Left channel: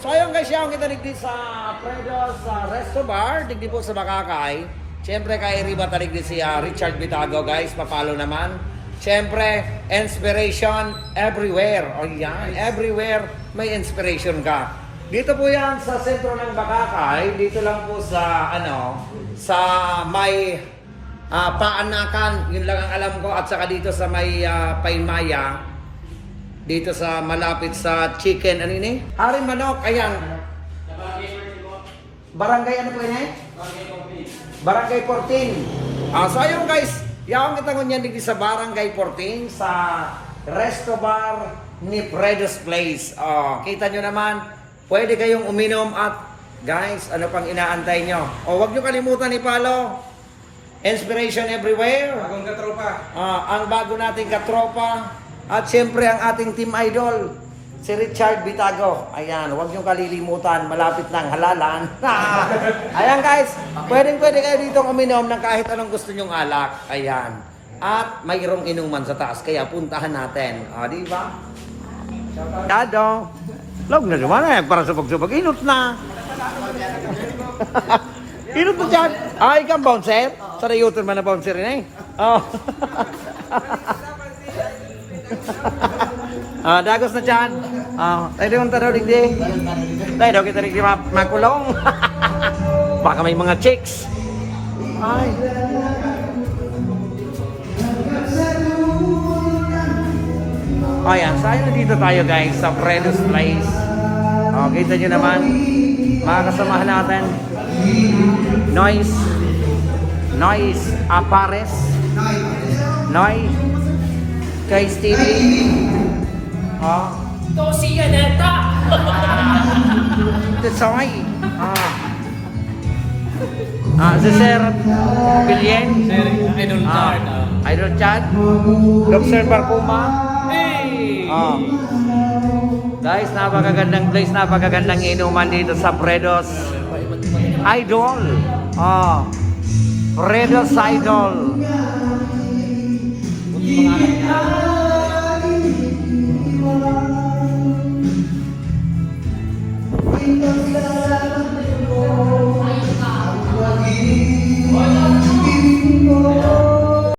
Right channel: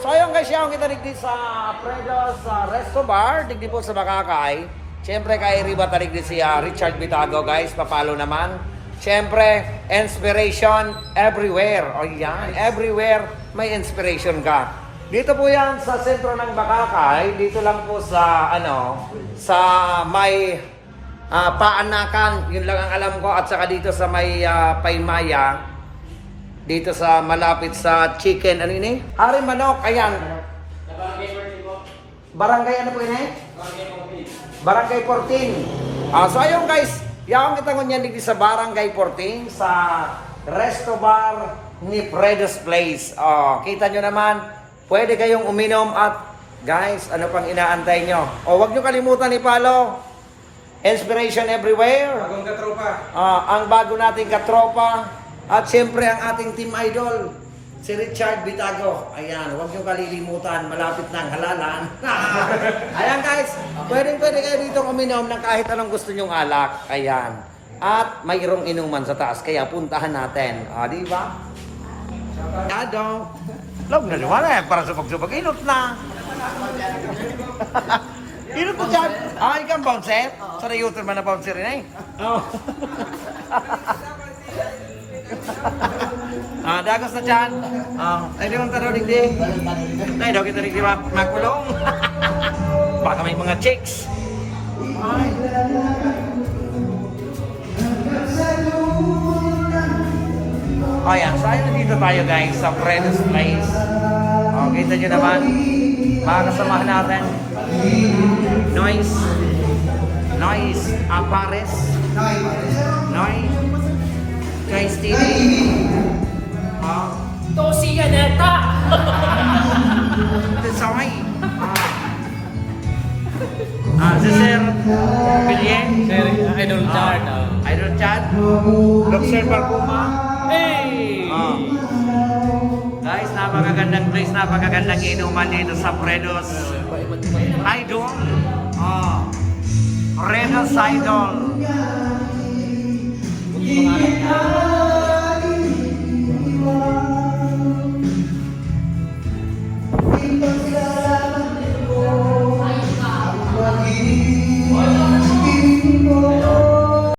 So ayun guys, yung kita digdi sa Fredo's Resto Bar, digdi po sa Bakakay. Siyempre kay Riva taligdi si Richard Bitago guys, papalo naman. Siyempre, inspiration everywhere. O yan, everywhere may inspiration ka. Dito po yan sa sentro ng Bakakay, dito lang po sa sa may Paanakan, yun lang ang alam ko, at saka dito sa may Paymaya. Dito sa malapit sa chicken, ano yun eh? Hari Manok, ayan. Barangay ano po yun eh? Barangay 14. So ayun guys, yaong kita ngunyan dito sa Barangay 14 sa Resto Bar ni Fredo's Place. Kita nyo naman, pwede kayong uminom at guys, ano pang inaantay nyo? Huwag nyo kalimutan i-follow. Inspiration everywhere. Bagong katropa. Ang bago nating katropa. At siyempre ang ating team idol, si Richard Bitago. Ayan, huwag niyong kalilimutan, malapit na ang halalan. Ayan guys, pwede kayo dito uminom ng kahit anong gusto niyong alak. Ayan. At mayroong inuman sa taas, kaya puntahan natin. Di ba? Tado. Log na naman eh, para sa pagsabag. Inot na. Inot mo dyan. Ikaw bouncer? Sarayutin man na bouncer rin eh. Dagos na dyan. Tayo naman taraw digdi. Tayo daw kita digdi makulong. Baka may mga chicks. Ay. Ayan, saan dito tayo guys sa Fredo's Place. Kita nyo naman. Makakasama natin. Noise Apares. Noise Guys TV. Tosi Yaneta. Tesoy. Si Sir Pilien. Idol Chart. Idol Chat. Lobster Parpuma. Hey! Guys, napakagandang place, napakagandang inuman dito sa Fredo's Idol. Fredo's Idol.